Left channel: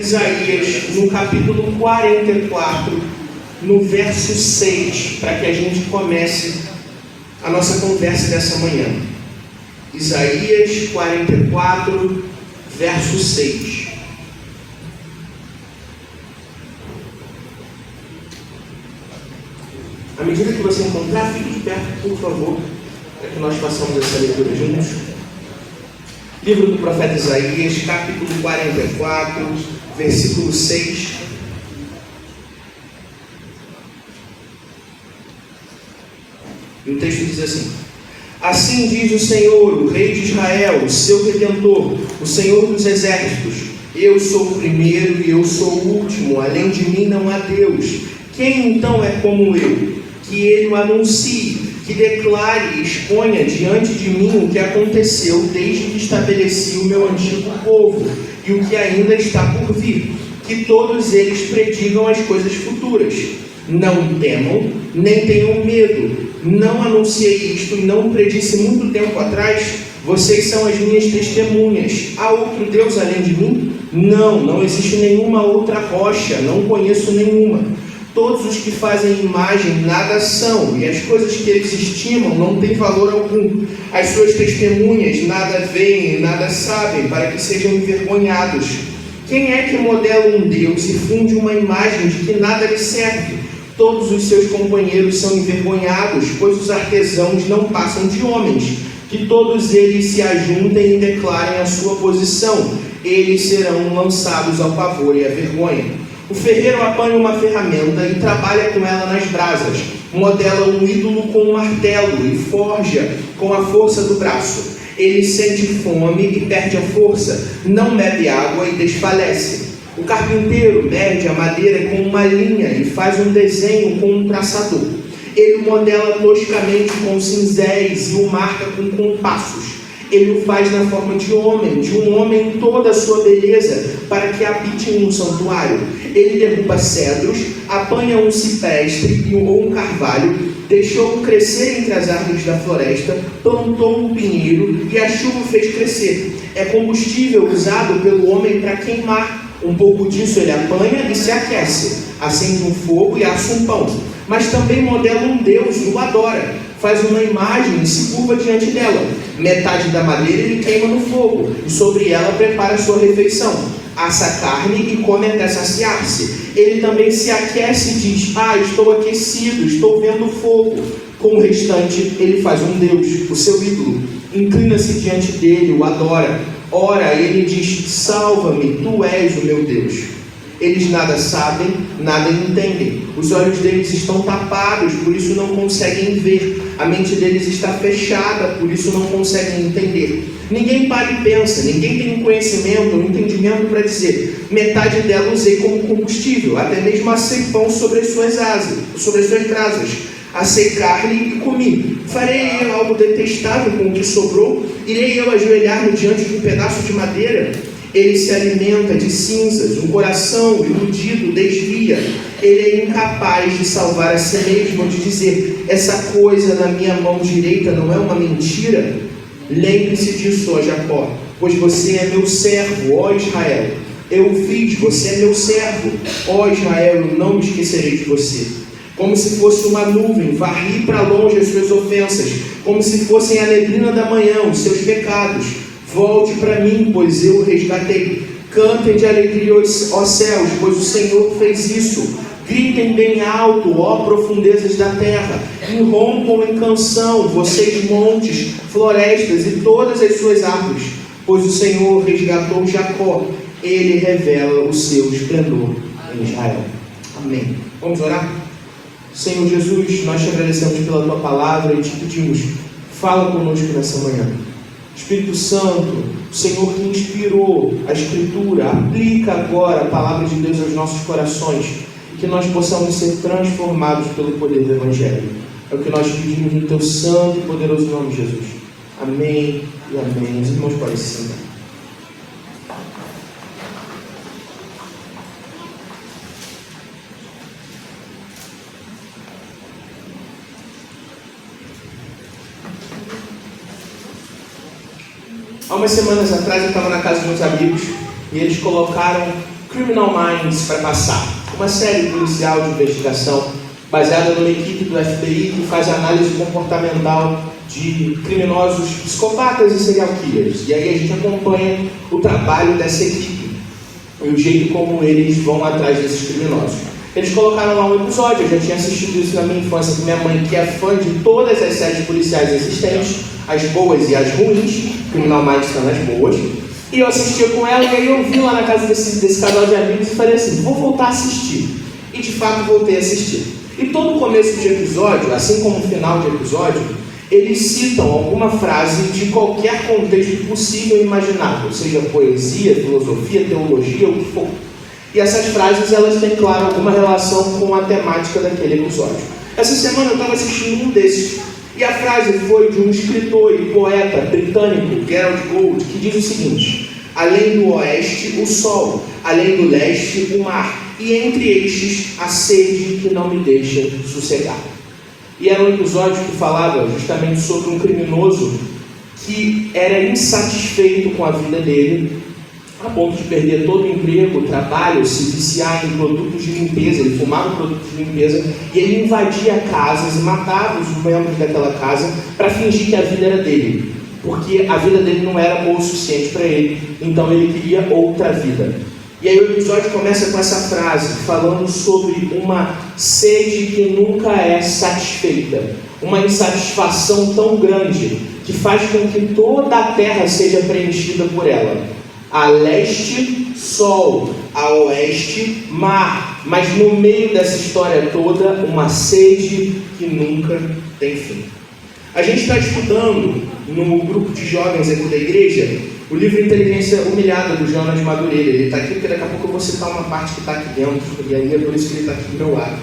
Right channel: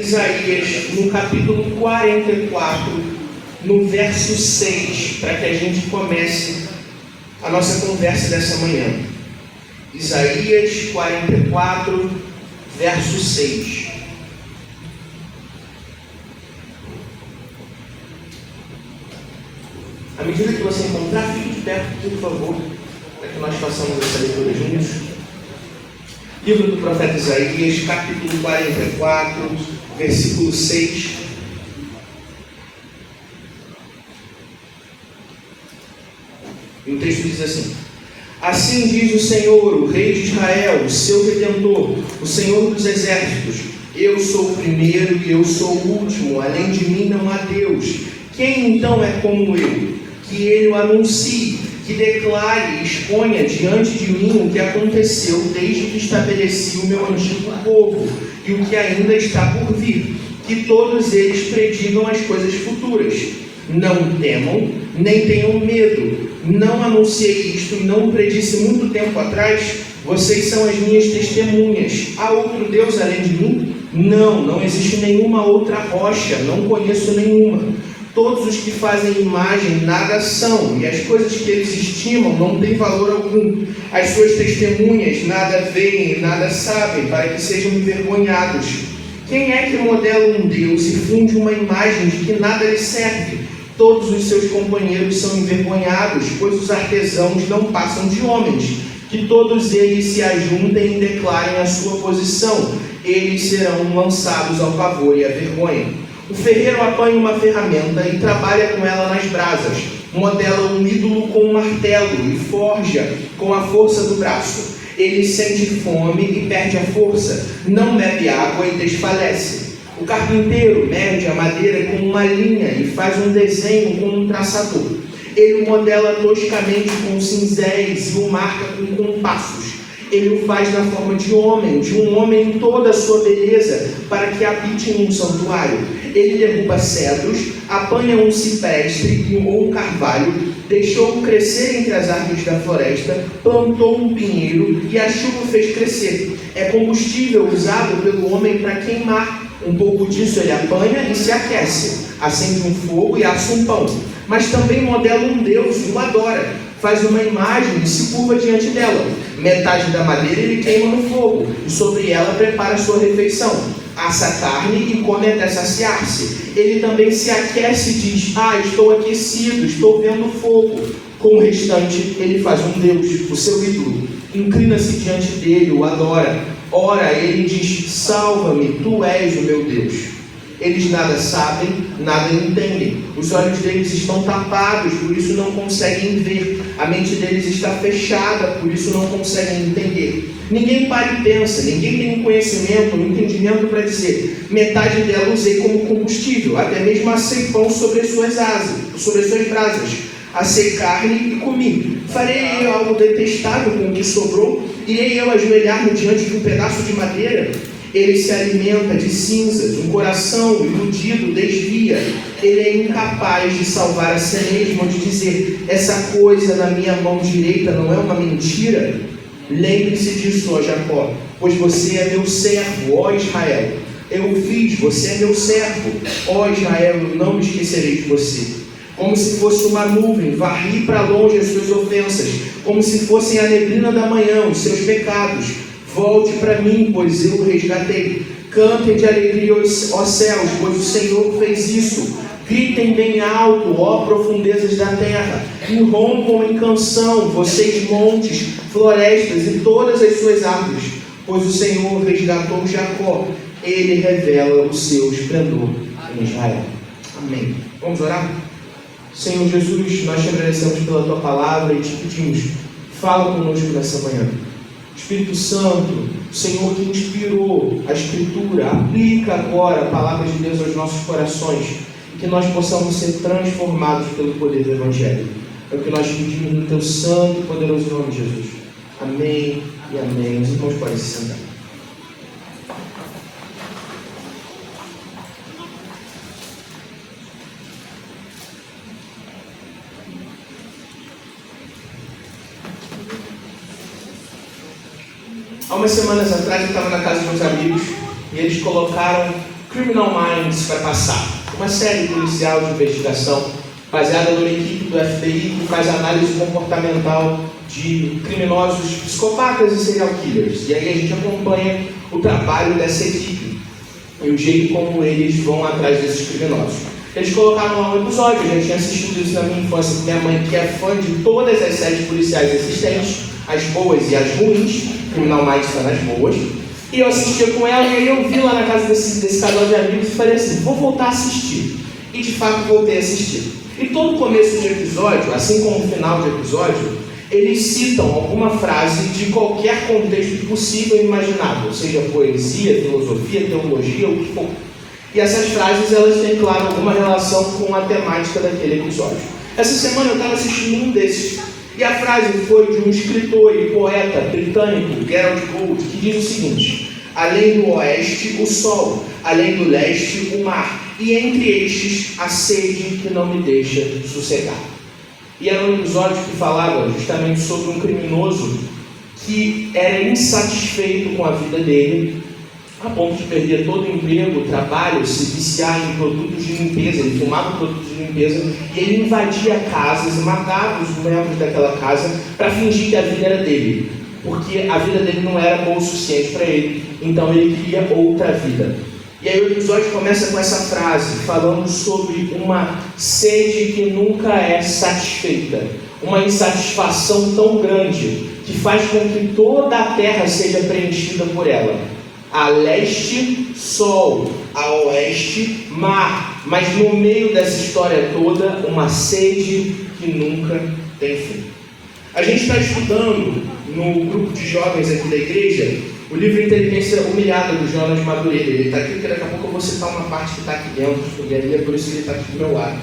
Isaías, no capítulo 44, no verso 6, para que a gente comece a nossa conversa dessa manhã. Isaías 44, verso 6. À medida que você encontrar, fique de perto, por favor, para que nós façamos essa leitura juntos. Livro do profeta Isaías, capítulo 44, versículo 6. E o texto diz assim: Assim diz o Senhor, o Rei de Israel, o seu Redentor, o Senhor dos Exércitos: Eu sou o primeiro e eu sou o último, além de mim não há Deus. Quem então é como eu? Que ele o anuncie, que declare e exponha diante de mim o que aconteceu desde que estabeleci o meu antigo povo e o que ainda está por vir, que todos eles predigam as coisas futuras. Não temam, nem tenham medo. Não anunciei isto e não predisse muito tempo atrás? Vocês são as minhas testemunhas. Há outro Deus além de mim? Não existe nenhuma outra rocha, não conheço nenhuma. Todos os que fazem imagem nada são, e as coisas que eles estimam não têm valor algum. As suas testemunhas nada veem, nada sabem, para que sejam envergonhados. Quem é que modela um Deus e funde uma imagem de que nada lhe serve? Todos os seus companheiros são envergonhados, pois os artesãos não passam de homens. Que todos eles se ajuntem e declarem a sua posição. Eles serão lançados ao pavor e à vergonha. O ferreiro apanha uma ferramenta e trabalha com ela nas brasas. Modela um ídolo com um martelo e forja com a força do braço. Ele sente fome e perde a força, não bebe água e desfalece. O carpinteiro mede a madeira com uma linha e faz um desenho com um traçador. Ele modela toscamente com cinzéis e o marca com compassos. Ele o faz na forma de um homem em toda a sua beleza, para que habite em um santuário. Ele derruba cedros, apanha um cipreste ou um carvalho, deixou-o crescer entre as árvores da floresta, plantou um pinheiro e a chuva fez crescer. É combustível usado pelo homem para queimar. Um pouco disso ele apanha e se aquece, acende um fogo e assa um pão. Mas também modela um Deus e o adora. Faz uma imagem e se curva diante dela. Metade da madeira ele queima no fogo, e sobre ela prepara sua refeição. Assa carne e come até saciar-se. Ele também se aquece e diz: estou aquecido, estou vendo fogo. Com o restante ele faz um Deus, o seu ídolo. Inclina-se diante dele, o adora. Ora, ele diz: salva-me, tu és o meu Deus. Eles nada sabem, nada entendem. Os olhos deles estão tapados, por isso não conseguem ver. A mente deles está fechada, por isso não conseguem entender. Ninguém para e pensa, ninguém tem um conhecimento, um entendimento para dizer: metade dela usei como combustível, até mesmo assei pão sobre as suas brasas. Assei carne e comi. Farei eu algo detestável com o que sobrou? Irei eu ajoelhar-me diante de um pedaço de madeira? Ele se alimenta de cinzas, um coração iludido desvia. Ele é incapaz de salvar a si mesmo, de dizer: essa coisa na minha mão direita não é uma mentira? Lembre-se disso, ó Jacó, pois você é meu servo, ó Israel. Eu fiz, você é meu servo, ó Israel, eu não me esquecerei de você. Como se fosse uma nuvem, varri para longe as suas ofensas, como se fossem a neblina da manhã, os seus pecados. Volte para mim, pois eu o resgatei. Cantem de alegria, ó céus, pois o Senhor fez isso. Gritem bem alto, ó profundezas da terra. Irrompam em canção, vocês montes, florestas e todas as suas árvores. Pois o Senhor resgatou Jacó. Ele revela o seu esplendor em Israel. Amém. Vamos orar? Senhor Jesus, nós te agradecemos pela tua palavra e te pedimos: fala conosco nessa manhã. Espírito Santo, o Senhor que inspirou a Escritura, aplica agora a palavra de Deus aos nossos corações, e que nós possamos ser transformados pelo poder do Evangelho. É o que nós pedimos no teu santo e poderoso nome, Jesus. Amém e amém. Os irmãos podem se sentar. Há umas semanas atrás eu estava na casa de uns amigos e eles colocaram Criminal Minds vai passar. Uma série policial de investigação baseada numa equipe do FBI que faz análise comportamental de criminosos psicopatas e serial killers. E aí a gente acompanha o trabalho dessa equipe e o jeito como eles vão atrás desses criminosos. Eles colocaram lá um episódio, eu já tinha assistido isso na minha infância com minha mãe, que é fã de todas as séries policiais existentes, as boas e as ruins. Criminal Minds são as boas. E eu assistia com ela, e aí eu vi lá na casa desse casal de amigos e falei assim, vou voltar a assistir. E de fato voltei a assistir. E todo começo de episódio, assim como o final de episódio, eles citam alguma frase de qualquer contexto possível e imaginável, seja poesia, filosofia, teologia, o que for. E essas frases, elas têm, claro, alguma relação com a temática daquele episódio. Essa semana eu estava assistindo um desses, e a frase foi de um escritor e poeta britânico, Gerald Gould, que diz o seguinte: além do oeste, o sol, além do leste, o mar, e entre estes, a sede que não me deixa sossegar. E era um episódio que falava justamente sobre um criminoso que era insatisfeito com a vida dele, a ponto de perder todo o emprego, o trabalho, se viciar em produtos de limpeza. Ele fumava produtos de limpeza e ele invadia casas e matava os membros daquela casa para fingir que a vida era dele, porque a vida dele não era boa o suficiente para ele, então ele queria outra vida. E aí o episódio começa com essa frase, falando sobre uma sede que nunca é satisfeita, uma insatisfação tão grande que faz com que toda a terra seja preenchida por ela. A leste, sol, a oeste, mar, mas no meio dessa história toda, uma sede que nunca tem fim. A gente está estudando no grupo de jovens aqui da igreja o livro Inteligência Humilhada, do Jonas Madureira. Ele está aqui porque daqui a pouco eu vou citar uma parte que está aqui dentro, e aí é por isso que ele está aqui do meu lado.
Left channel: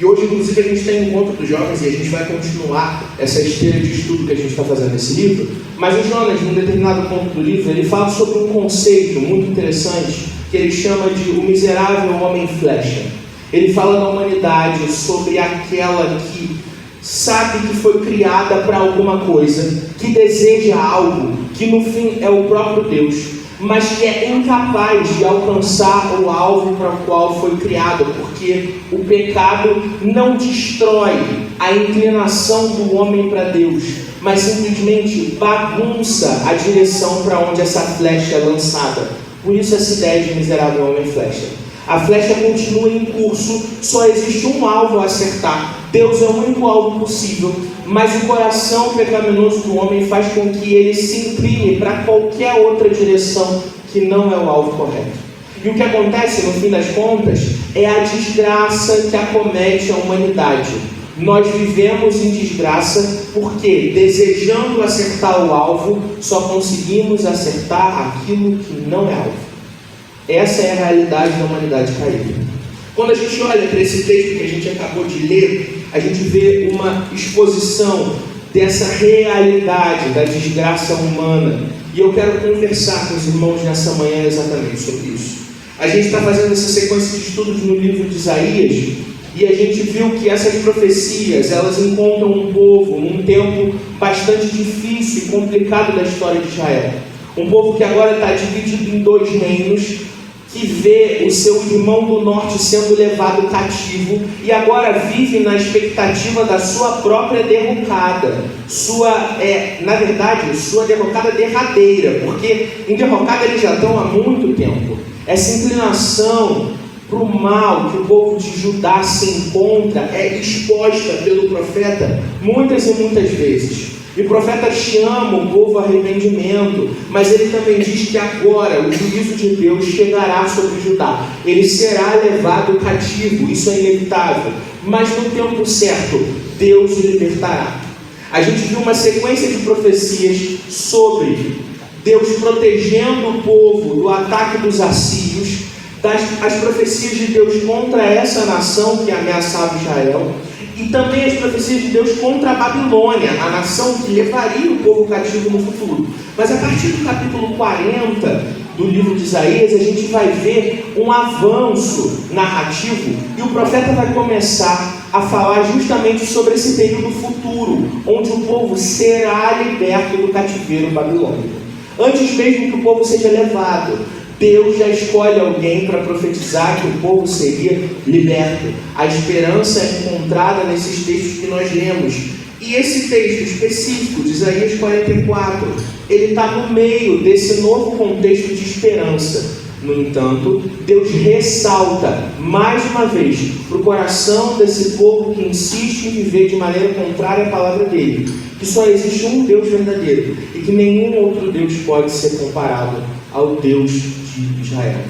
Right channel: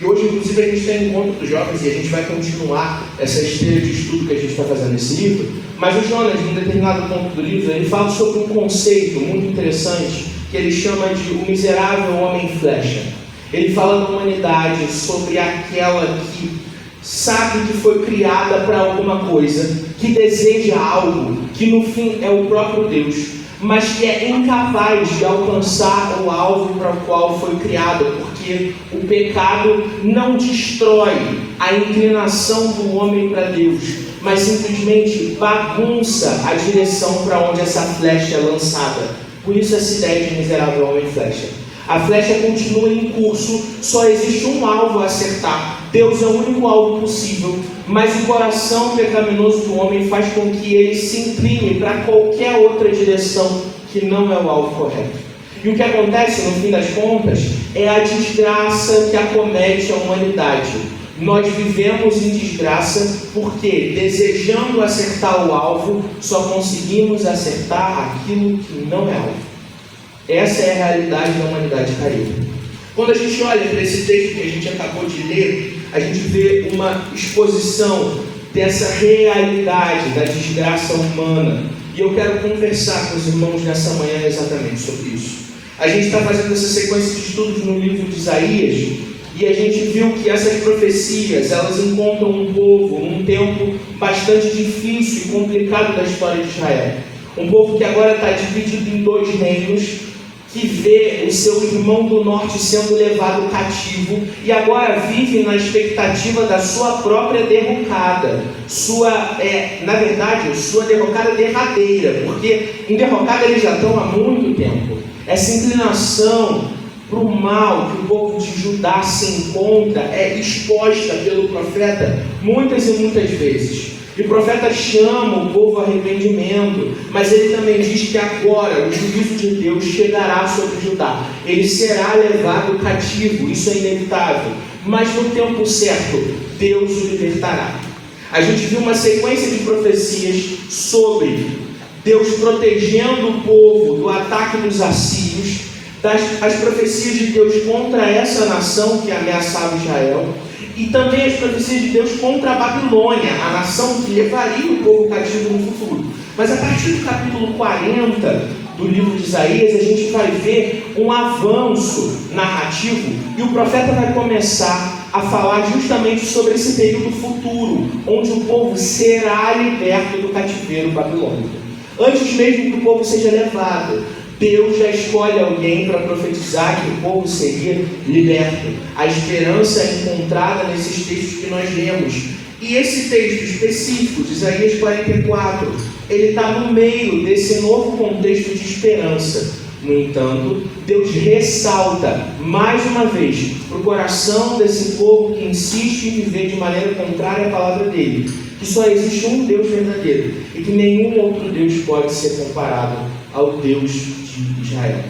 E hoje, inclusive, a gente tem um encontro dos jovens e a gente vai continuar essa esteira de estudo que a gente está fazendo nesse livro. Mas o Jonas, em um determinado ponto do livro, ele fala sobre um conceito muito interessante que ele chama de o miserável homem flecha. Ele fala da humanidade, sobre aquela que sabe que foi criada para alguma coisa, que deseja algo, que no fim é o próprio Deus, mas que é incapaz de alcançar o alvo para o qual foi criado, porque o pecado não destrói a inclinação do homem para Deus, mas simplesmente bagunça a direção para onde essa flecha é lançada. Por isso essa ideia de miserável homem flecha. A flecha continua em curso, só existe um alvo a acertar. Deus é o único alvo possível, mas o coração pecaminoso do homem faz com que ele se incline para qualquer outra direção que não é o alvo correto. E o que acontece, no fim das contas, é a desgraça que acomete a humanidade. Nós vivemos em desgraça porque, desejando acertar o alvo, só conseguimos acertar aquilo que não é alvo. Essa é a realidade da humanidade caída. Quando a gente olha para esse texto que a gente acabou de ler, a gente vê uma exposição dessa realidade da desgraça humana. E eu quero conversar com os irmãos nessa manhã exatamente sobre isso. A gente está fazendo essa sequência de estudos no livro de Isaías, e a gente viu que essas profecias, elas encontram um povo num tempo bastante difícil e complicado da história de Israel. Um povo que agora está dividido em dois reinos, que vê o seu irmão do norte sendo levado cativo e agora vive na expectativa da sua própria derrocada, na verdade, sua derrocada derradeira, porque em derrocada eles já estão há muito tempo. Essa inclinação para o mal que o povo de Judá se encontra é exposta pelo profeta muitas e muitas vezes. E o profeta chama o povo a arrependimento, mas ele também diz que agora o juízo de Deus chegará sobre Judá. Ele será levado cativo, isso é inevitável. Mas no tempo certo, Deus o libertará. A gente viu uma sequência de profecias sobre Deus protegendo o povo do ataque dos assírios, as profecias de Deus contra essa nação que ameaçava Israel, e também as profecias de Deus contra a Babilônia, a nação que levaria o povo cativo no futuro. Mas a partir do capítulo 40 do livro de Isaías, a gente vai ver um avanço narrativo, e o profeta vai começar a falar justamente sobre esse período futuro, onde o povo será liberto do cativeiro babilônico. Antes mesmo que o povo seja levado, Deus já escolhe alguém para profetizar que o povo seria liberto. A esperança é encontrada nesses textos que nós lemos. E esse texto específico de Isaías 44, ele está no meio desse novo contexto de esperança. No entanto, Deus ressalta mais uma vez para o coração desse povo que insiste em viver de maneira contrária à palavra dele, que só existe um Deus verdadeiro e que nenhum outro Deus pode ser comparado ao Deus de Israel.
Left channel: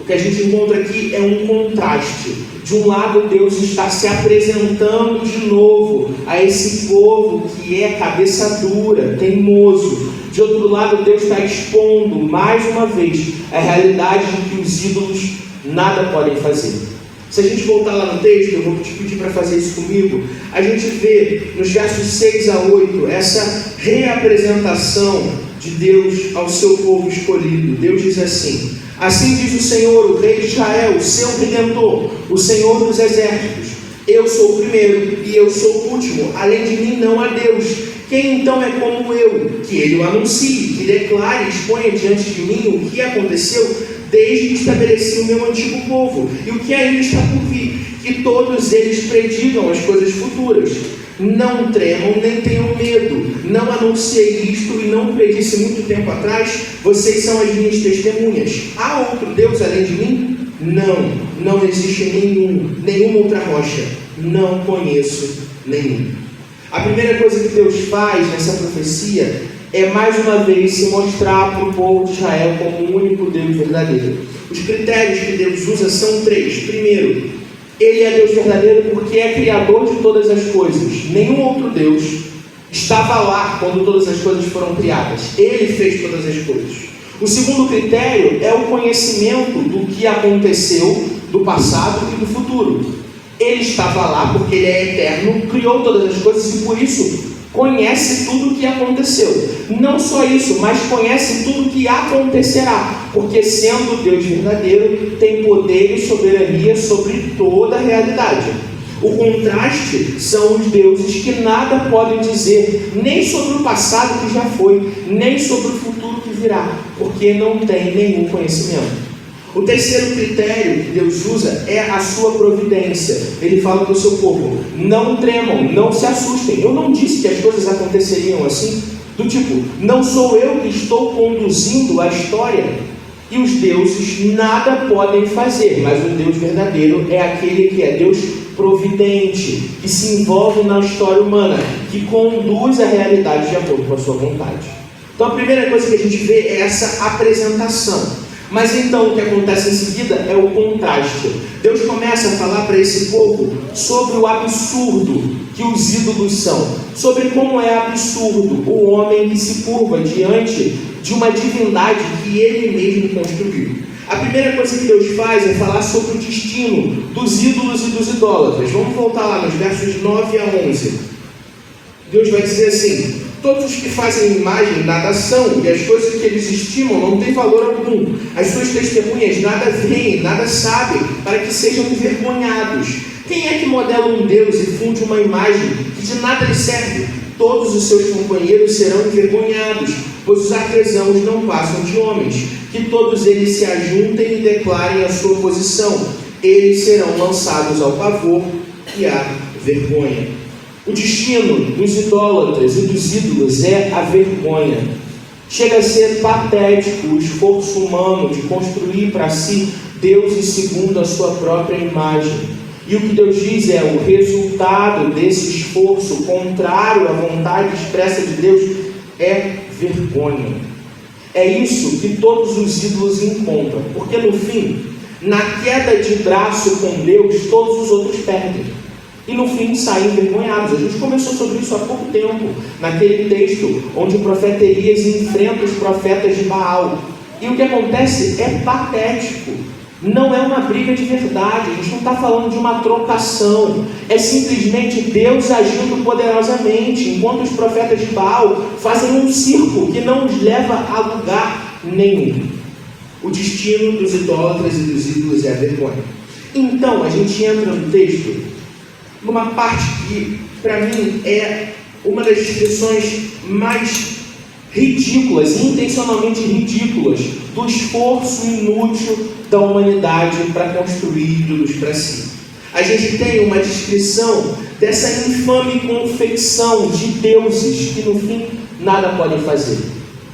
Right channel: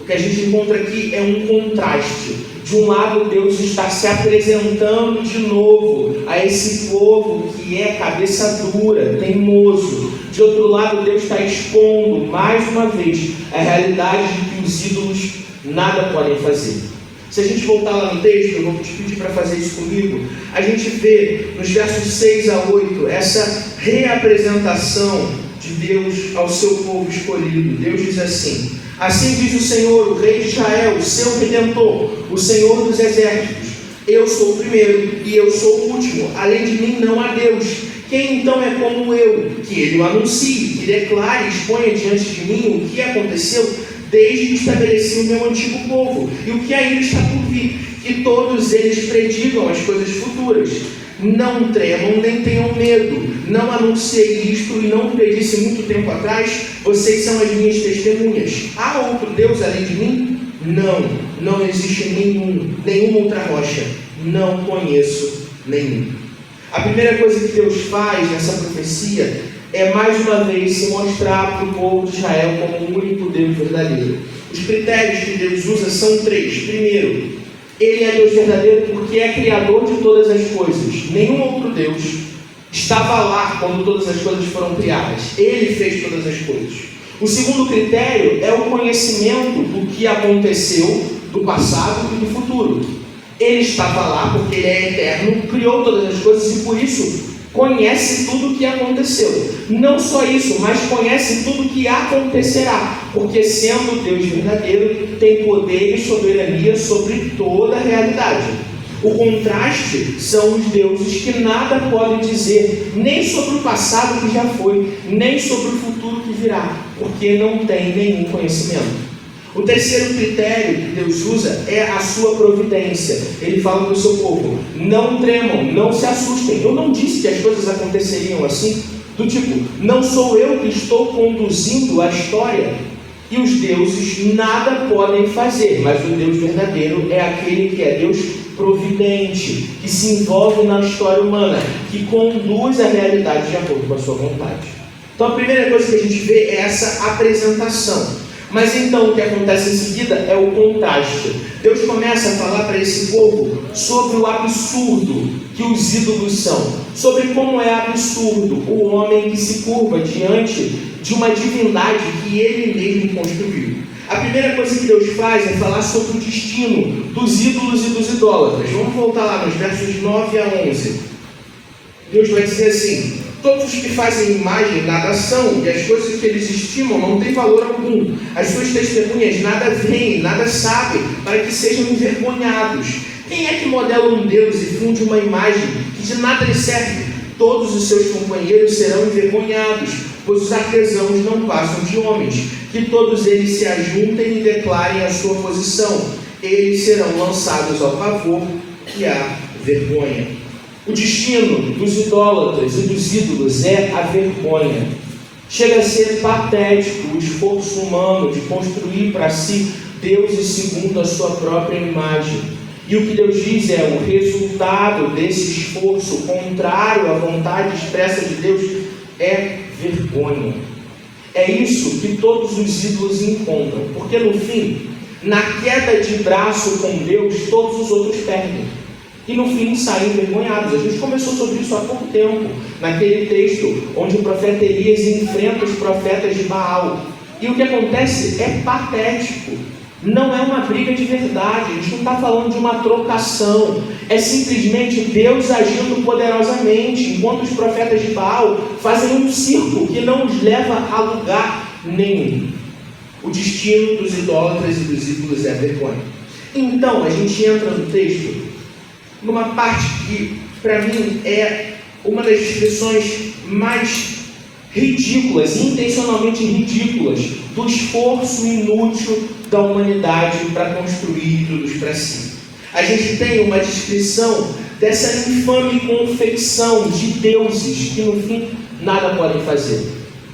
O que a gente encontra aqui é um contraste. De um lado, Deus está se apresentando de novo a esse povo que é cabeça dura, teimoso. De outro lado, Deus está expondo mais uma vez a realidade de que os ídolos nada podem fazer. Se a gente voltar lá no texto, eu vou te pedir para fazer isso comigo. A gente vê nos versos 6 a 8 essa reapresentação de Deus ao seu povo escolhido. Deus diz assim: assim diz o Senhor, o Rei de Israel, o seu Redentor, o Senhor dos Exércitos: eu sou o primeiro e eu sou o último, além de mim não há Deus. Quem então é como eu, que ele o anuncie, que declare e exponha diante de mim o que aconteceu desde que estabeleci o meu antigo povo e o que ainda está por vir, que todos eles predigam as coisas futuras. Não tremam nem tenham medo. Não anunciei isto e não predisse muito tempo atrás. Vocês são as minhas testemunhas. Há outro Deus além de mim? Não existe nenhuma outra rocha. Não conheço nenhum. A primeira coisa que Deus faz nessa profecia é mais uma vez se mostrar para o povo de Israel como o único Deus verdadeiro. Os critérios que Deus usa são 3. Primeiro, Ele é Deus verdadeiro porque é criador de todas as coisas. Nenhum outro Deus estava lá quando todas as coisas foram criadas. Ele fez todas as coisas. O segundo critério é o conhecimento do que aconteceu, do passado e do futuro. Ele estava lá porque Ele é eterno, criou todas as coisas e por isso conhece tudo o que aconteceu. Não só isso, mas conhece tudo o que acontecerá, porque sendo Deus verdadeiro, tem poder e soberania sobre toda a realidade. O contraste são os deuses que nada podem dizer, nem sobre o passado que já foi, nem sobre o futuro que virá, porque não tem nenhum conhecimento. O terceiro critério que Deus usa é a sua providência. Ele fala para o seu povo: não tremam, não se assustem. Eu não disse que as coisas aconteceriam assim, do tipo, não sou eu que estou conduzindo a história. E os deuses nada podem fazer, mas o Deus verdadeiro é aquele que é Deus providente, que se envolve na história humana, que conduz a realidade de acordo com a sua vontade. Então a primeira coisa que a gente vê é essa apresentação. Mas então o que acontece em seguida é o contraste. Deus começa a falar para esse povo sobre o absurdo que os ídolos são, sobre como é absurdo o homem que se curva diante de uma divindade que ele mesmo construiu. A primeira coisa que Deus faz é falar sobre o destino dos ídolos e dos idólatras. Vamos voltar lá nos versos 9 a 11. Deus vai dizer assim: todos os que fazem imagem nada são, e as coisas que eles estimam não têm valor algum. As suas testemunhas nada veem, nada sabem, para que sejam envergonhados. Quem é que modela um Deus e funde uma imagem que de nada lhe serve? Todos os seus companheiros serão envergonhados, pois os artesãos não passam de homens. Que todos eles se ajuntem e declarem a sua posição. Eles serão lançados ao pavor e à vergonha. O destino dos idólatras e dos ídolos é a vergonha. Chega a ser patético o esforço humano de construir para si deuses segundo a sua própria imagem. E o que Deus diz é: o resultado desse esforço contrário à vontade expressa de Deus é vergonha. É isso que todos os ídolos encontram, porque no fim, na queda de braço com Deus, todos os outros perdem. E no fim saem envergonhados. A gente conversou sobre isso há pouco tempo, naquele texto onde o profeta Elias enfrenta os profetas de Baal. E o que acontece é patético. Não é uma briga de verdade. A gente não está falando de uma trocação. É simplesmente Deus agindo poderosamente, enquanto os profetas de Baal fazem um circo que não os leva a lugar nenhum. O destino dos idólatras e dos ídolos é a vergonha. Então, a gente entra no texto numa parte que, para mim, é uma das expressões mais ridículas, intencionalmente ridículas, do esforço inútil da humanidade para construir ídolos para si. A gente tem uma descrição dessa infame confeição de deuses que no fim nada podem fazer.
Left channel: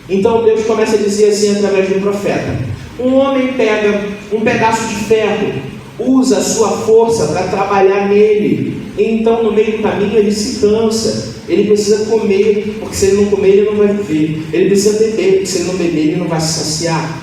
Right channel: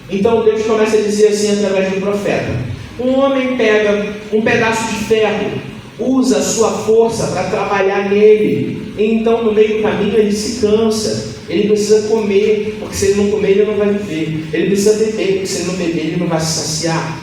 Então Deus começa a dizer assim através do profeta: um homem pega um pedaço de ferro, usa a sua força para trabalhar nele, e então no meio do caminho ele se cansa, ele precisa comer, porque se ele não comer ele não vai viver, ele precisa beber, porque se ele não beber ele não vai se saciar.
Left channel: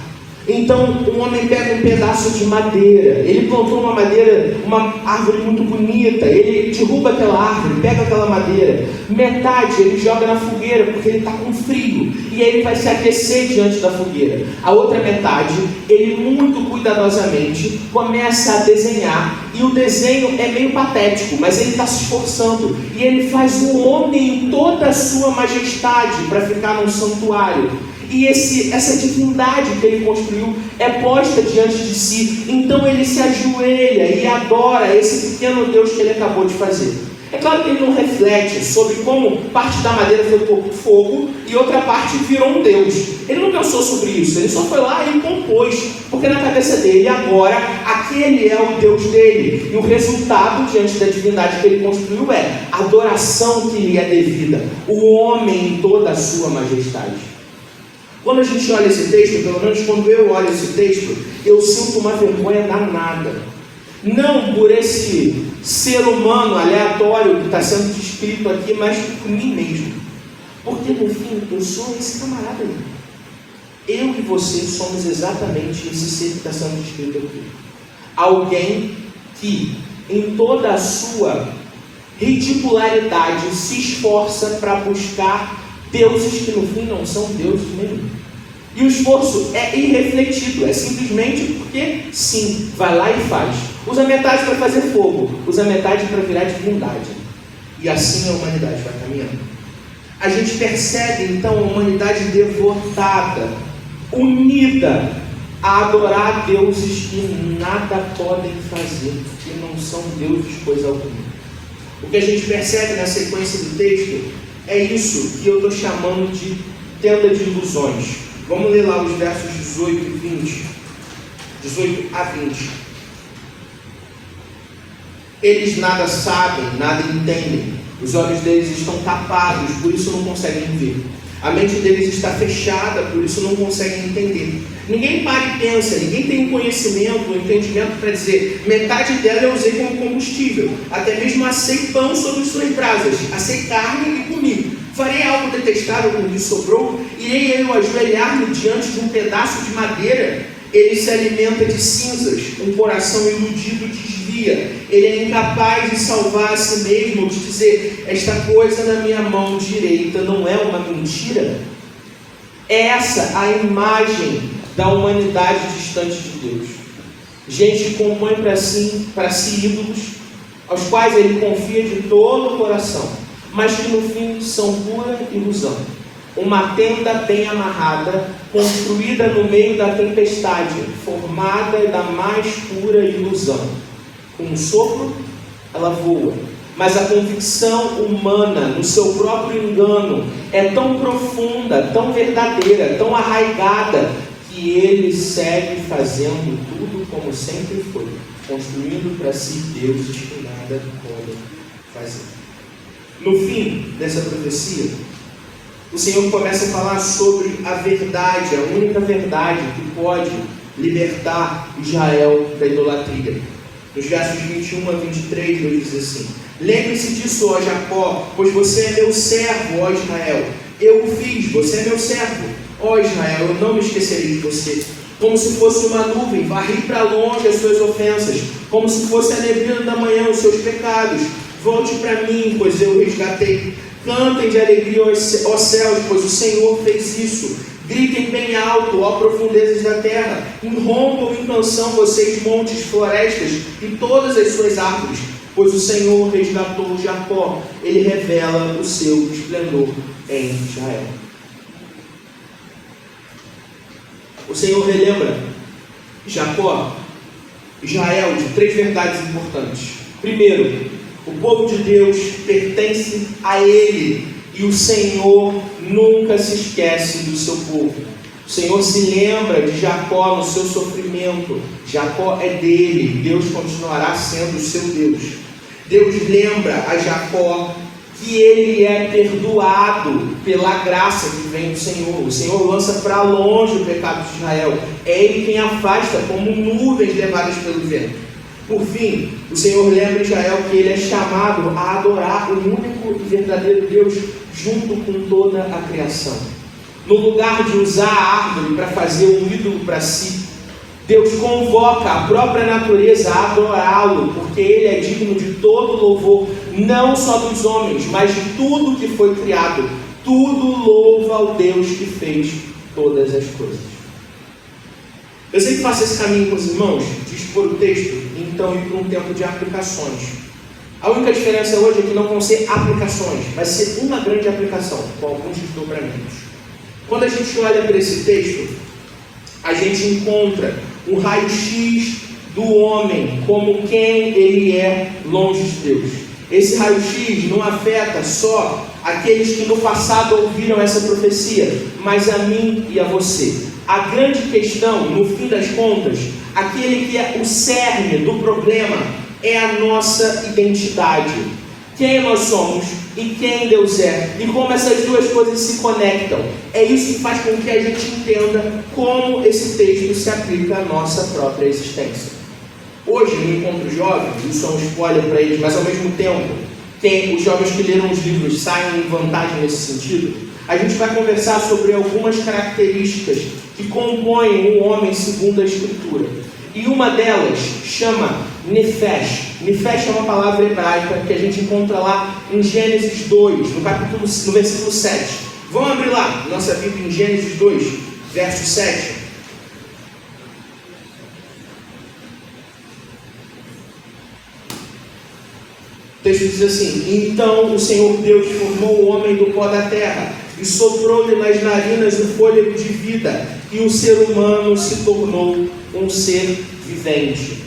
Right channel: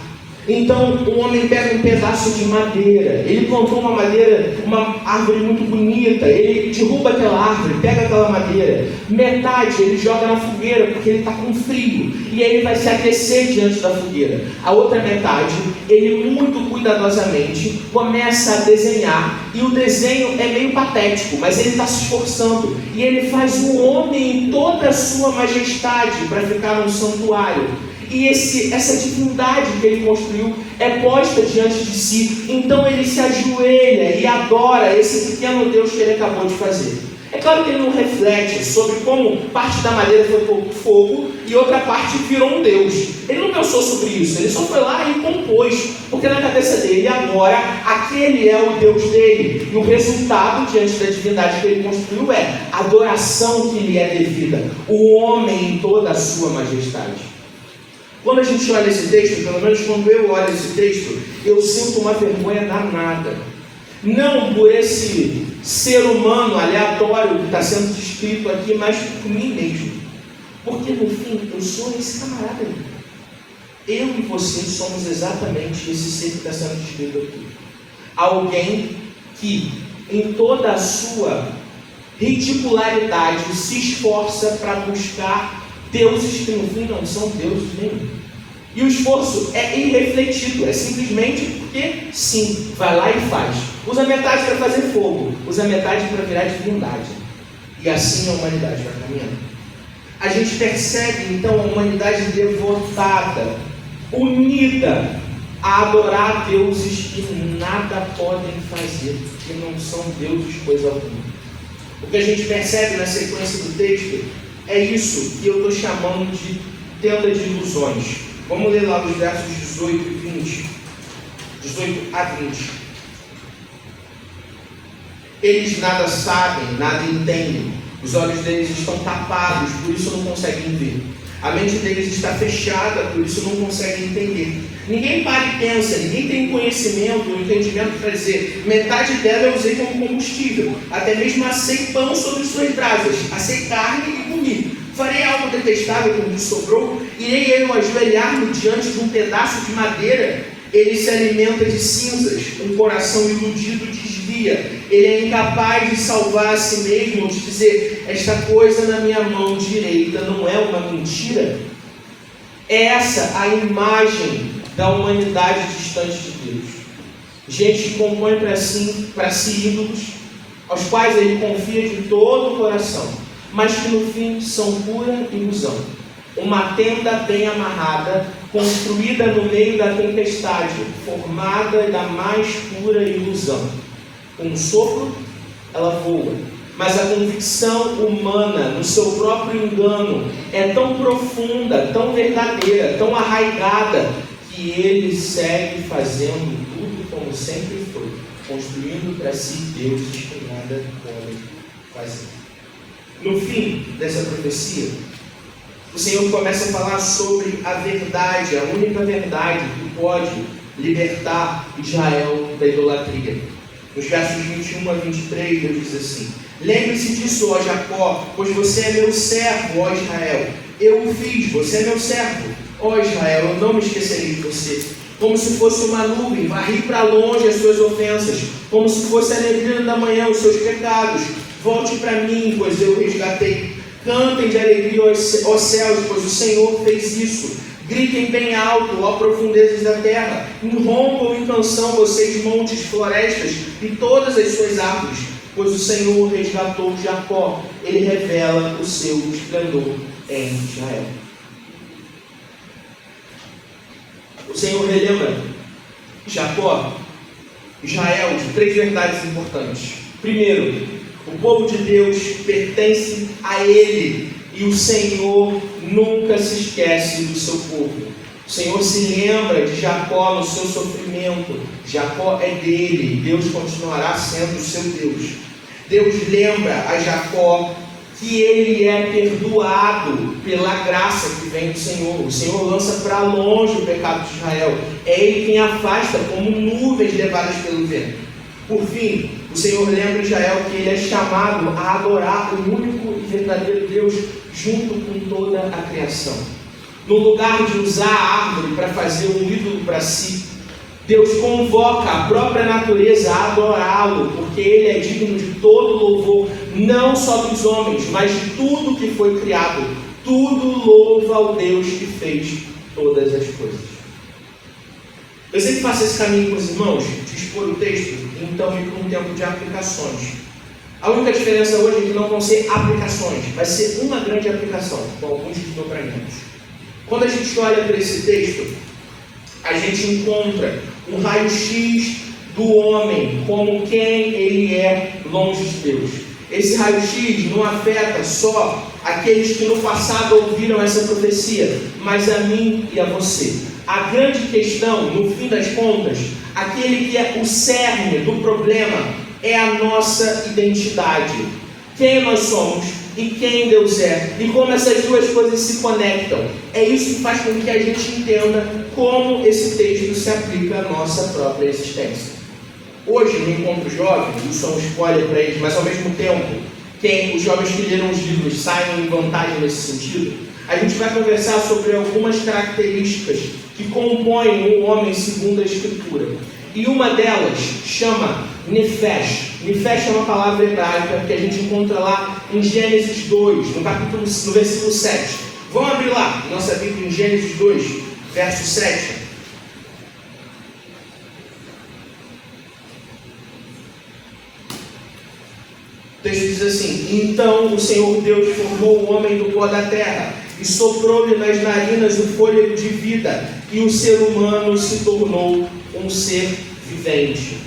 Então um homem pega um pedaço de madeira, ele plantou uma árvore muito bonita, ele derruba aquela árvore, pega aquela madeira, metade ele joga na fogueira porque ele está com frio, e aí ele vai se aquecer diante da fogueira. A outra metade, ele muito cuidadosamente começa a desenhar, e o desenho é meio patético, mas ele está se esforçando, e ele faz o homem em toda a sua majestade para ficar no santuário. E essa divindade que ele construiu é posta diante de si. Então ele se ajoelha e adora esse pequeno Deus que ele acabou de fazer. É claro que ele não reflete sobre como parte da madeira foi posto fogo e outra parte virou um Deus. Ele não pensou sobre isso, ele só foi lá e compôs, porque na cabeça dele agora aquele é o Deus dele, e o resultado diante da divindade que ele construiu é a adoração que lhe é devida, o homem em toda a sua majestade. Quando a gente olha esse texto, pelo menos quando eu olho esse texto, eu sinto uma vergonha danada. Não por esse ser humano aleatório que está sendo descrito aqui, mas por mim mesmo. Porque no fim, eu sou esse camarada aí. Eu e você somos exatamente esse ser que está sendo descrito aqui. Alguém que, em toda a sua ridicularidade, se esforça para buscar deuses que no fim não são deuses nenhum. E o esforço é irrefletido, é simplesmente porque sim, vai lá e faz. Usa metade para fazer fogo, usa metade para virar divindade. E assim a humanidade vai caminhando. A gente percebe então a humanidade devotada, unida a adorar deuses que nada podem fazer, que não são deuses coisa alguma. O que a gente percebe na sequência do texto é isso que eu estou chamando de tenda de ilusões. Vamos ler lá os versos 18 e 20. 18 a 20. Eles nada sabem, nada entendem. Os olhos deles estão tapados, por isso não conseguem ver. A mente deles está fechada, por isso não conseguem entender. Ninguém para e pensa, ninguém tem conhecimento, entendimento para dizer, metade dela eu usei como combustível, até mesmo assei pão sobre suas brasas, assei carne e comi. Farei algo detestável como lhe sobrou, irei eu ajoelhar-me diante de um pedaço de madeira. Ele se alimenta de cinzas, um coração iludido desvia. Ele é incapaz de salvar a si mesmo, ou de dizer, esta coisa na minha mão direita não é uma mentira? É essa a imagem da humanidade distante de Deus. Gente que compõe para si ídolos, aos quais ele confia de todo o coração, mas que no fim são pura ilusão. Uma tenda bem amarrada, construída no meio da tempestade, formada da mais pura ilusão. Com um sopro, ela voa. Mas a convicção humana no seu próprio engano é tão profunda, tão verdadeira, tão arraigada, que ele segue fazendo tudo como sempre foi, construindo para si deuses que nada podem fazer. No fim dessa profecia, o Senhor começa a falar sobre a verdade, a única verdade que pode libertar Israel da idolatria. Nos versos 21 a 23, Deus diz assim: lembre-se disso, ó Jacó, pois você é meu servo, ó Israel. Eu o fiz, você é meu servo, ó Israel, eu não me esquecerei de você. Como se fosse uma nuvem, varri para longe as suas ofensas, como se fosse a neblina da manhã os seus pecados. Volte para mim, pois eu o resgatei. Cantem de alegria, ó céus, pois o Senhor fez isso. Gritem bem alto, ó profundezas da terra. Rompam em canção, vocês montes, florestas e todas as suas árvores, pois o Senhor resgatou Jacó. Ele revela o seu esplendor em Israel. O Senhor relembra Jacó, Israel, de 3 verdades importantes. Primeiro, o povo de Deus pertence a Ele, e o Senhor nunca se esquece do seu povo. O Senhor se lembra de Jacó no seu sofrimento. Jacó é dele, Deus continuará sendo o seu Deus. Deus lembra a Jacó que ele é perdoado pela graça que vem do Senhor. O Senhor lança para longe o pecado de Israel. É Ele quem afasta como nuvens levadas pelo vento. Por fim, o Senhor lembra Israel que ele é chamado a adorar o único e verdadeiro Deus junto com toda a criação. No lugar de usar a árvore para fazer um ídolo para si, Deus convoca a própria natureza a adorá-lo, porque Ele é digno de todo louvor, não só dos homens, mas de tudo que foi criado. Tudo louva ao Deus que fez todas as coisas. Eu sempre faço esse caminho com os irmãos, de expor o texto, então ir para um tempo de aplicações. A única diferença hoje é que não vão ser aplicações, vai ser uma grande aplicação, com alguns desdobramentos. Quando a gente olha para esse texto, a gente encontra um raio-x do homem como quem ele é longe de Deus. Esse raio-x não afeta só aqueles que no passado ouviram essa profecia, mas a mim e a você. A grande questão, no fim das contas, aquele que é o cerne do problema é a nossa identidade. Quem nós somos e quem Deus é, e como essas duas coisas se conectam. É isso que faz com que a gente entenda como esse texto se aplica à nossa própria existência. Hoje, no encontro jovem, isso é um spoiler para eles, mas ao mesmo tempo, os jovens que leram os livros saem em vantagem nesse sentido. A gente vai conversar sobre algumas características que compõem o homem segundo a Escritura. E uma delas chama Nefesh. Nefesh é uma palavra hebraica que a gente encontra lá em Gênesis 2, no versículo 7. Vamos abrir lá, nossa Bíblia, em Gênesis 2, verso 7. O texto diz assim: então o Senhor Deus formou o homem do pó da terra e soprou-lhe nas narinas o fôlego de vida, e o ser humano se tornou um ser vivente.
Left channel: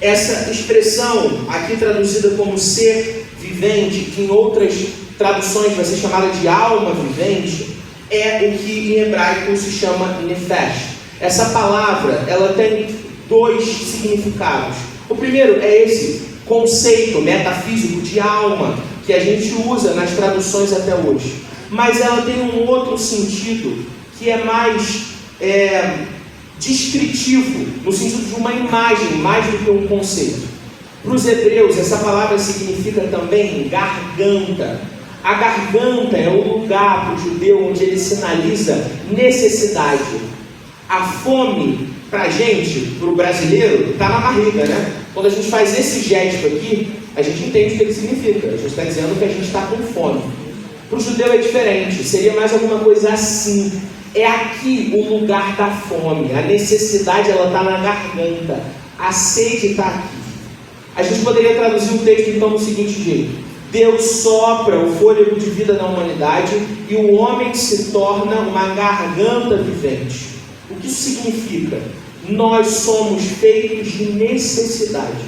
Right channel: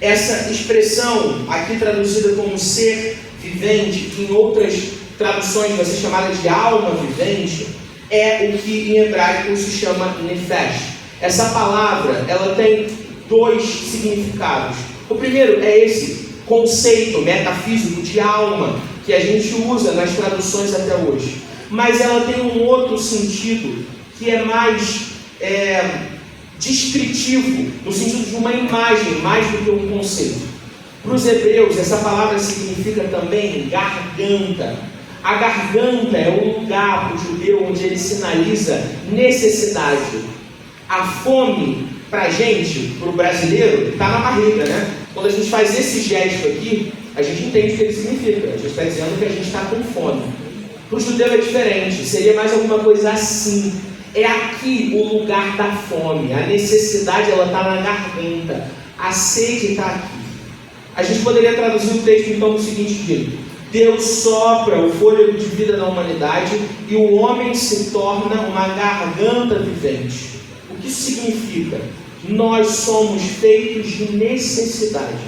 Essa expressão, aqui traduzida como ser vivente, que em outras traduções vai ser chamada de alma vivente, é o que em hebraico se chama nefesh. Essa palavra, ela tem dois significados. O primeiro é esse conceito metafísico de alma, que a gente usa nas traduções até hoje. Mas ela tem um outro sentido, que é mais descritivo, no sentido de uma imagem, mais do que um conceito. Para os hebreus, essa palavra significa também garganta. A garganta é o lugar para o judeu onde ele sinaliza necessidade. A fome, para a gente, para o brasileiro, está na barriga, né? Quando a gente faz esse gesto aqui, a gente entende o que ele significa. A gente está dizendo que a gente está com fome. Para o judeu é diferente, seria mais alguma coisa assim. É aqui o lugar da fome. A necessidade, ela está na garganta. A sede está aqui. A gente poderia traduzir o texto então no seguinte jeito: Deus sopra o fôlego de vida na humanidade e o homem se torna uma garganta vivente. O que isso significa? Nós somos feitos de necessidade.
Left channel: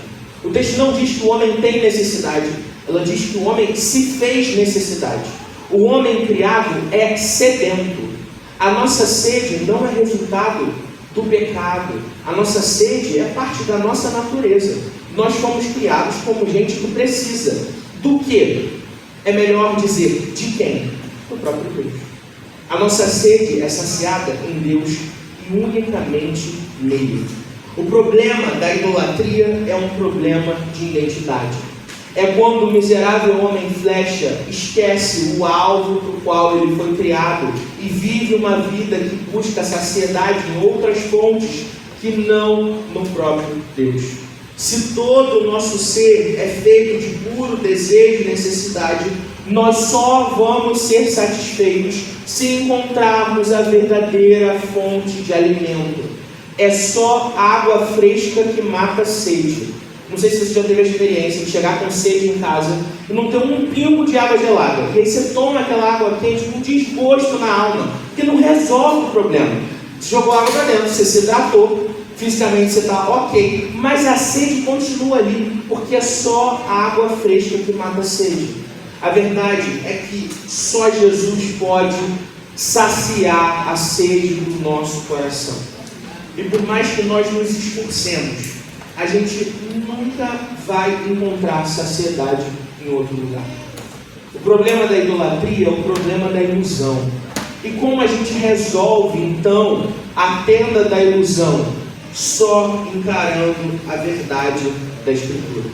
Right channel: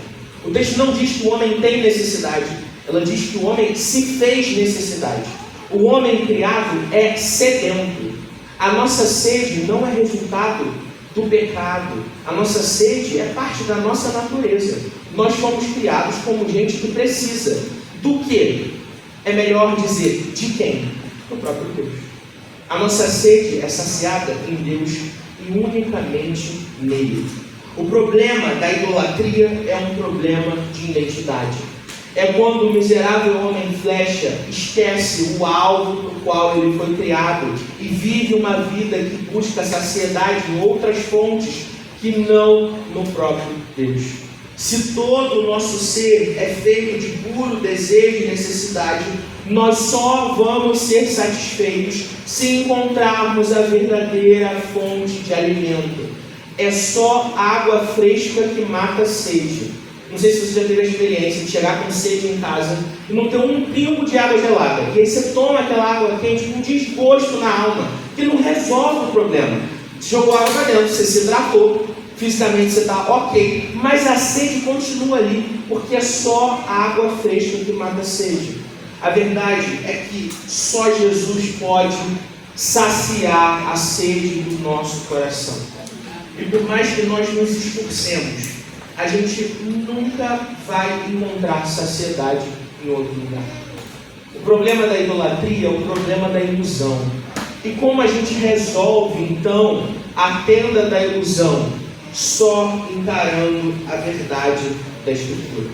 O texto não diz que o homem tem necessidade, ela diz que o homem se fez necessidade. O homem criado é sedento. A nossa sede não é resultado do pecado. A nossa sede é parte da nossa natureza. Nós fomos criados como gente que precisa. Do que? É melhor dizer de quem? Do próprio Deus. A nossa sede é saciada em Deus e unicamente nele. O problema da idolatria é um problema de identidade. É quando o miserável homem flecha esquece o alvo para o qual ele foi criado e vive uma vida que busca saciedade em outras fontes que não no próprio Deus. Se todo o nosso ser é feito de puro desejo e necessidade, nós só vamos ser satisfeitos se encontrarmos a verdadeira fonte de alimento. É só água fresca que mata a sede. Não sei se você já teve a experiência de chegar com sede em casa e não ter um pingo de água gelada. E aí você toma aquela água quente com desgosto na alma, que não resolve o problema. Você jogou água para dentro, você se hidratou, fisicamente você está ok, mas a sede continua ali, porque é só água fresca que mata a sede. A verdade é que só Jesus pode saciar a sede do nosso coração. E por mais que nós nos esforcemos, a gente nunca vai encontrar saciedade em outro lugar. O problema da idolatria é o problema da ilusão. E como a gente resolve, então, a tenda da ilusão? Só encarando a verdade da Escritura.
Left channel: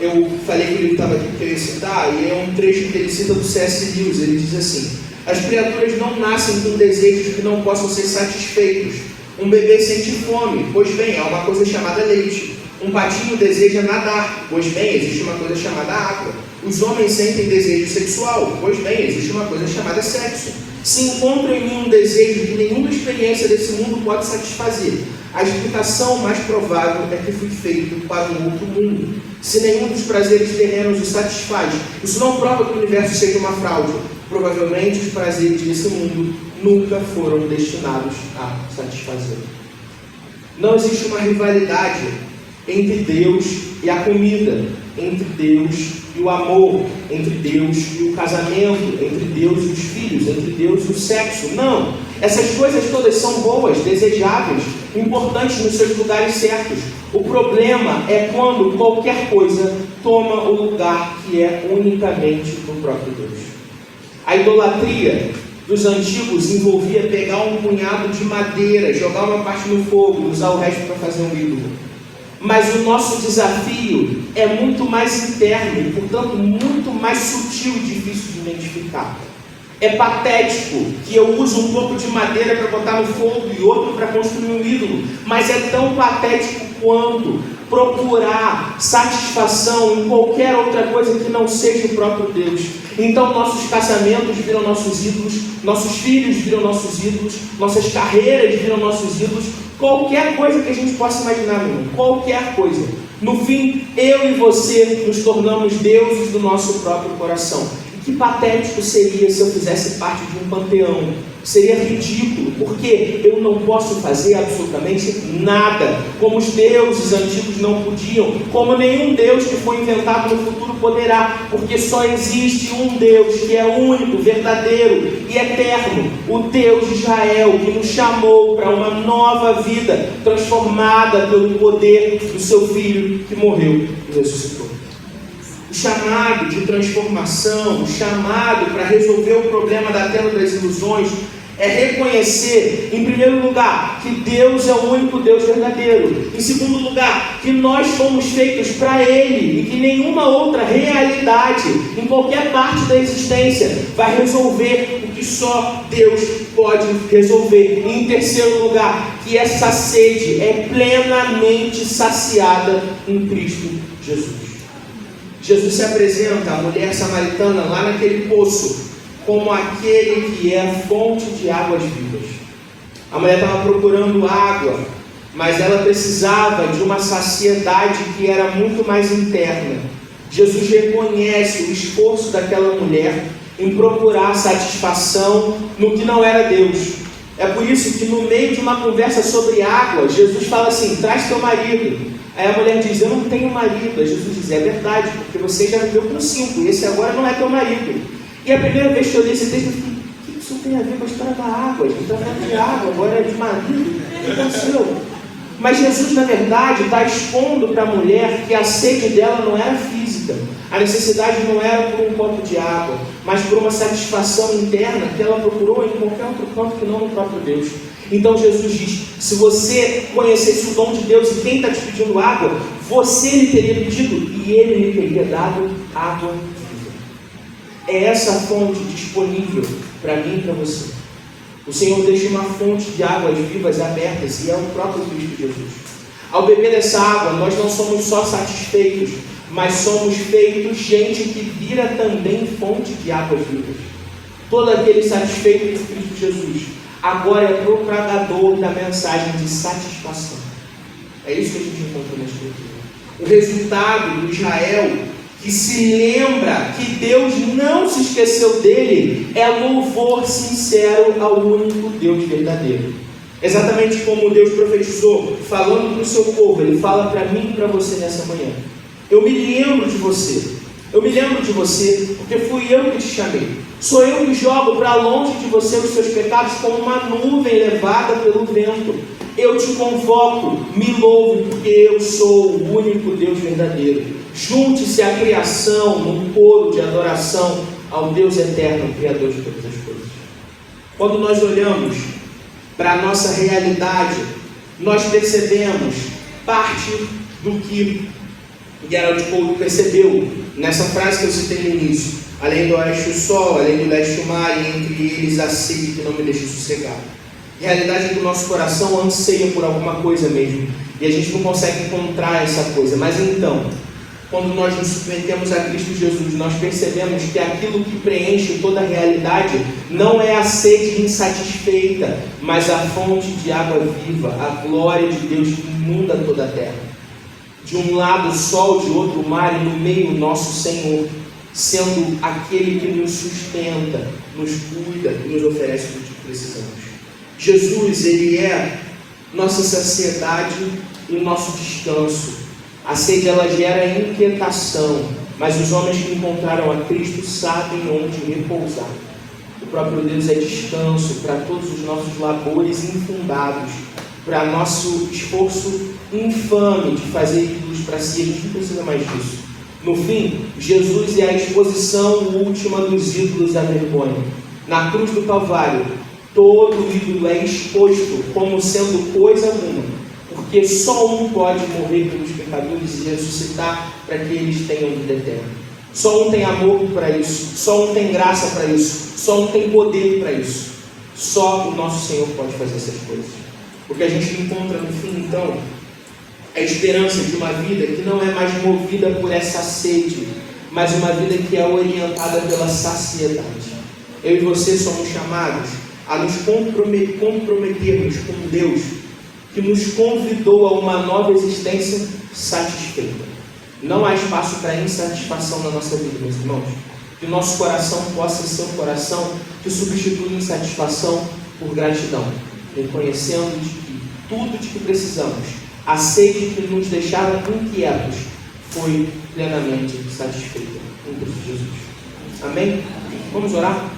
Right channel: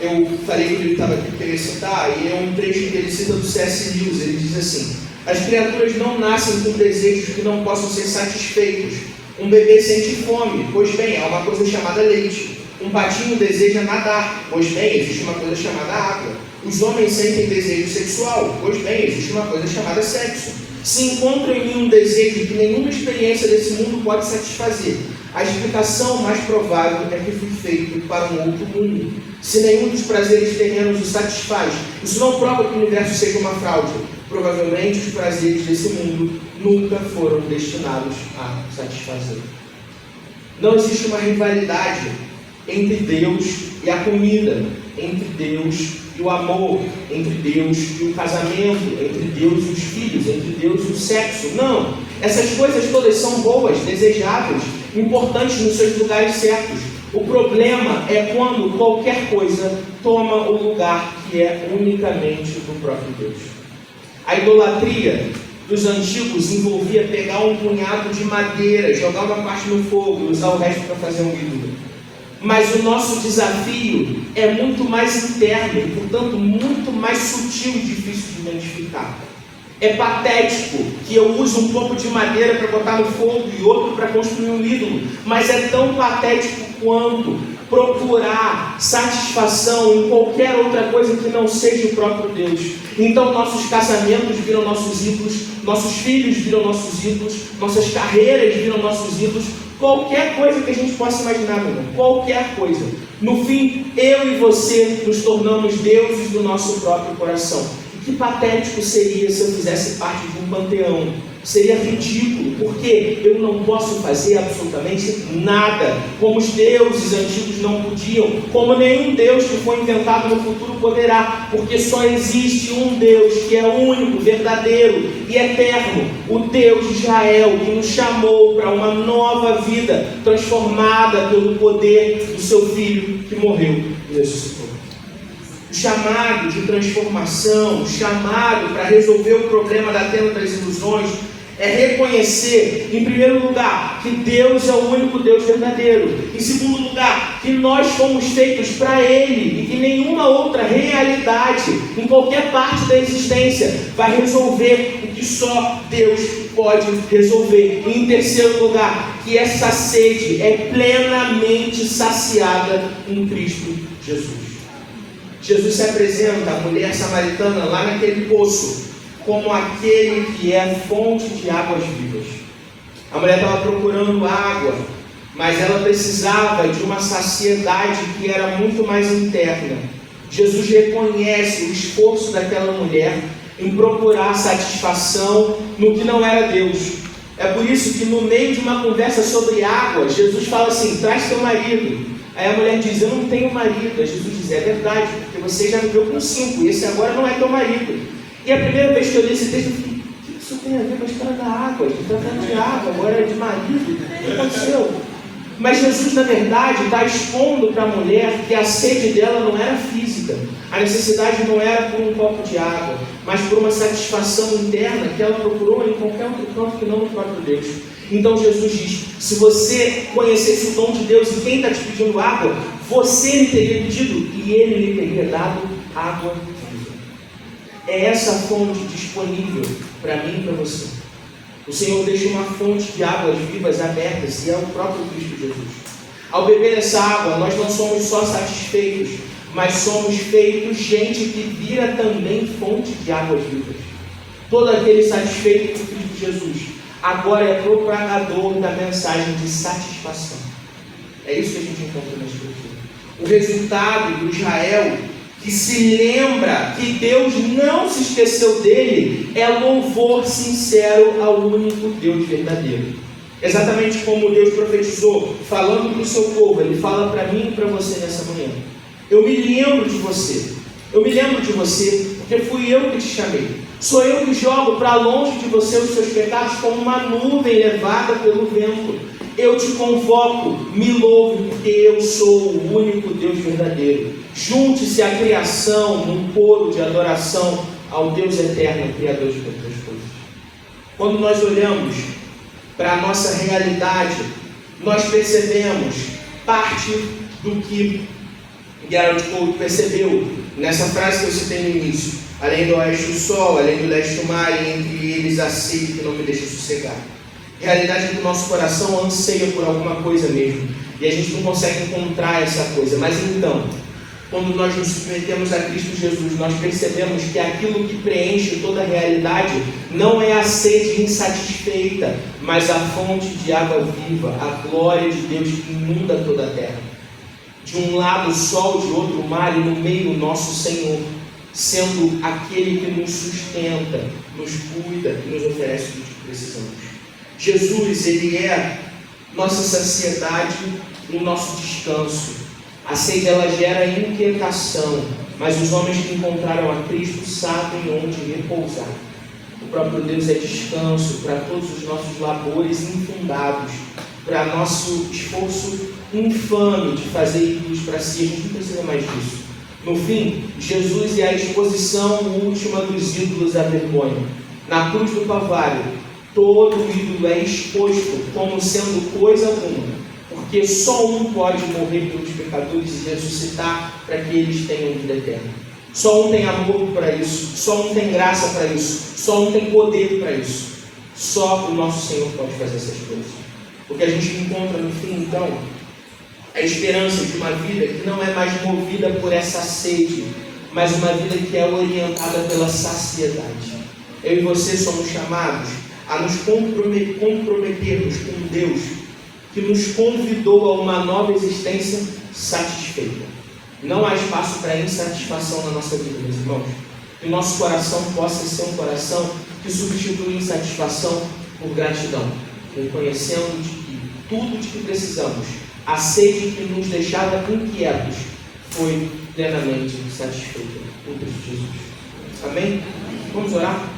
Eu falei que ele estava aqui para ele citar, e é um trecho que ele cita do C.S. Lewis. Ele diz assim: as criaturas não nascem com desejos que não possam ser satisfeitos. Um bebê sente fome, pois bem, há uma coisa chamada leite. Um patinho deseja nadar, pois bem, existe uma coisa chamada água. Os homens sentem desejo sexual, pois bem, existe uma coisa chamada sexo. Se encontra em mim um desejo que nenhuma experiência desse mundo pode satisfazer, a explicação mais provável é que fui feito para um outro mundo. Se nenhum dos prazeres terrenos o satisfaz, isso não prova que o universo seja uma fraude. Provavelmente os prazeres desse mundo nunca foram destinados a satisfazer. Não existe uma rivalidade entre Deus e a comida, entre Deus e o amor, entre Deus e o casamento, entre Deus e os filhos, entre Deus e o sexo. Não! Essas coisas todas são boas, desejáveis, importantes nos seus lugares certos. O problema é quando qualquer coisa toma o lugar que é unicamente do próprio Deus. A idolatria dos antigos envolvia pegar um punhado de madeira, jogar uma parte no fogo e usar o resto para fazer um ídolo. Mas o nosso desafio é muito mais interno e, portanto, muito mais sutil e difícil de identificar. É patético que eu use um pouco de madeira para botar no fogo e outro para construir um ídolo, mas é tão patético quanto procurar satisfação em qualquer outra coisa que não seja o próprio Deus. Então nossos casamentos viram nossos ídolos, nossos filhos viram nossos ídolos, nossas carreiras viram nossos ídolos, qualquer coisa que a gente possa imaginar, meu irmão, qualquer coisa. No fim, eu e você nos tornamos deuses do nosso próprio coração. E que patético seria se eu fizesse parte de um panteão. Seria ridículo, porque eu não posso fazer absolutamente nada, como os deuses antigos não podiam, como nenhum Deus que foi inventado no futuro poderá, porque só existe um Deus que é único, verdadeiro e eterno, o Deus de Israel, que nos chamou para uma nova vida, transformada pelo poder do seu Filho que morreu e ressuscitou. O chamado de transformação, o chamado para resolver o problema da tenda das ilusões, é reconhecer, em primeiro lugar, que Deus é o único Deus verdadeiro. Em segundo lugar, que nós fomos feitos para Ele e que nenhuma outra realidade, em qualquer parte da existência, vai resolver o que só Deus pode resolver. E em terceiro lugar, que essa sede é plenamente saciada em Cristo Jesus. Jesus se apresenta à mulher samaritana lá naquele poço como aquele que é fonte de águas vivas. A mulher estava procurando água, mas ela precisava de uma saciedade que era muito mais interna. Jesus reconhece o esforço daquela mulher em procurar satisfação no que não era Deus. É por isso que no meio de uma conversa sobre água, Jesus fala assim: traz teu marido. Aí a mulher diz: eu não tenho marido. Aí Jesus diz: é verdade, porque você já viveu com 5, e esse agora não é teu marido. E a primeira vez que eu li esse texto, eu falei: o que isso tem a ver com a história da água? A gente está falando de água, agora é de marido. O que aconteceu? Mas Jesus, na verdade, está expondo para a mulher que a sede dela não era física. A necessidade não era por um copo de água, mas por uma satisfação interna que ela procurou em qualquer outro canto que não no próprio Deus. Então Jesus diz: se você conhecesse o dom de Deus e quem está te pedindo água, você lhe teria pedido e ele lhe teria dado água viva. É essa fonte disponível para mim e para você. O Senhor deixa uma fonte de águas vivas abertas e é o próprio Cristo Jesus. Ao beber essa água, nós não somos só satisfeitos, mas somos feitos gente que vira também fonte de águas vivas. Todo aquele satisfeito por Cristo Jesus agora é propagador da mensagem de satisfação. É isso que a gente encontra na Escritura. O resultado do Israel que se lembra que Deus não se esqueceu dele é louvor sincero ao único Deus verdadeiro. Exatamente como Deus profetizou, falando para o seu povo. Ele fala para mim e para você nessa manhã: eu me lembro de você, Eu me lembro de você, porque fui eu que te chamei. Sou eu que jogo para longe de você os seus pecados como uma nuvem levada pelo vento. Eu te convoco, me louve, porque eu sou o único Deus verdadeiro. Junte-se à criação num coro de adoração ao Deus eterno, Criador de todas as coisas. Quando nós olhamos para a nossa realidade, nós percebemos parte do que Gerald Cole percebeu nessa frase que eu citei no início: além do oeste o sol, além do leste o mar, e entre eles a sede que não me deixa sossegar. A realidade é que o nosso coração anseia por alguma coisa mesmo, e a gente não consegue encontrar essa coisa. Mas então, quando nós nos submetemos a Cristo Jesus, nós percebemos que aquilo que preenche toda a realidade não é a sede insatisfeita, mas a fonte de água viva, a glória de Deus que inunda toda a terra. De um lado o sol, de outro o mar, e no meio o nosso Senhor, sendo aquele que nos sustenta, nos cuida e nos oferece tudo o que precisamos. Jesus, Ele é nossa saciedade e o nosso descanso. A sede, ela gera inquietação, mas os homens que encontraram a Cristo sabem onde repousar. O próprio Deus é descanso para todos os nossos labores infundados, para nosso esforço infame de fazer ídolos para si. A gente não precisa mais disso. No fim, Jesus é a exposição última dos ídolos à vergonha. Na cruz do Calvário, todo ídolo é exposto como sendo coisa alguma, porque só um pode morrer pelos pecadores e ressuscitar para que eles tenham vida eterna. Só um tem amor para isso, só um tem graça para isso, só um tem poder para isso. Só o nosso Senhor pode fazer essas coisas. O que a gente encontra no fim, então, é a esperança de uma vida que não é mais movida por essa sede, mas uma vida que é orientada pela saciedade. Eu e você somos chamados a nos comprometermos com Deus, que nos convidou a uma nova existência satisfeita. Não há espaço para insatisfação na nossa vida, meus irmãos. Que o nosso coração possa ser um coração que substitui insatisfação por gratidão, reconhecendo de que tudo de que precisamos, a sede que nos deixava inquietos, foi plenamente satisfeita em Cristo Jesus. Amém? Vamos orar?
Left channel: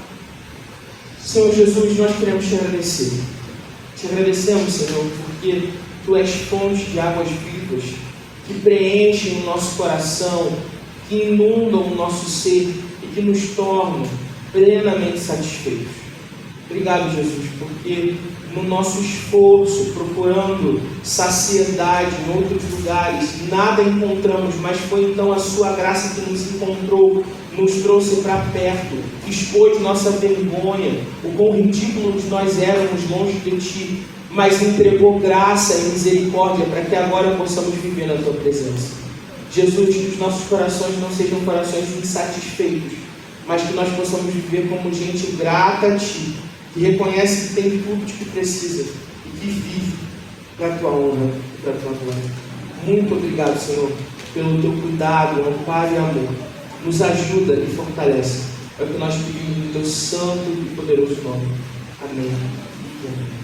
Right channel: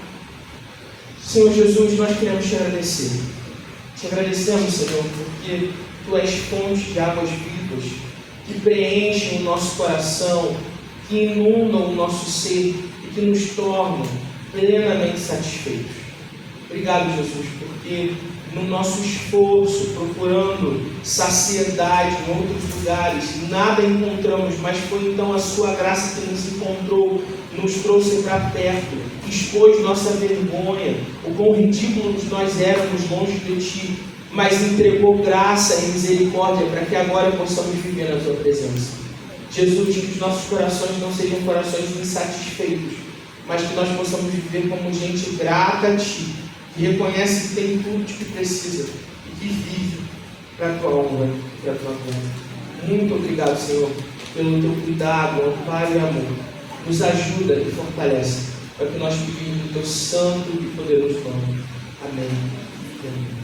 Senhor Jesus, nós queremos te agradecer. Te agradecemos, Senhor, porque Tu és fonte de águas vivas, que preenchem o nosso coração, que inundam o nosso ser e que nos tornam plenamente satisfeitos. Obrigado, Jesus, porque no nosso esforço, procurando saciedade em outros lugares, nada encontramos, mas foi então a Sua graça que nos encontrou, nos trouxe para perto, expôs nossa vergonha, o quão ridículos nós éramos longe de Ti, mas entregou graça e misericórdia para que agora possamos viver na Tua presença. Jesus, que os nossos corações não sejam corações insatisfeitos, mas que nós possamos viver como gente grata a Ti, que reconhece que tem tudo de que precisa e que vive para a Tua honra e para a Tua glória. Muito obrigado, Senhor, pelo Teu cuidado, amparo e amor. Nos ajuda e fortalece. É o que nós pedimos no Teu santo e poderoso nome. Amém. Amém.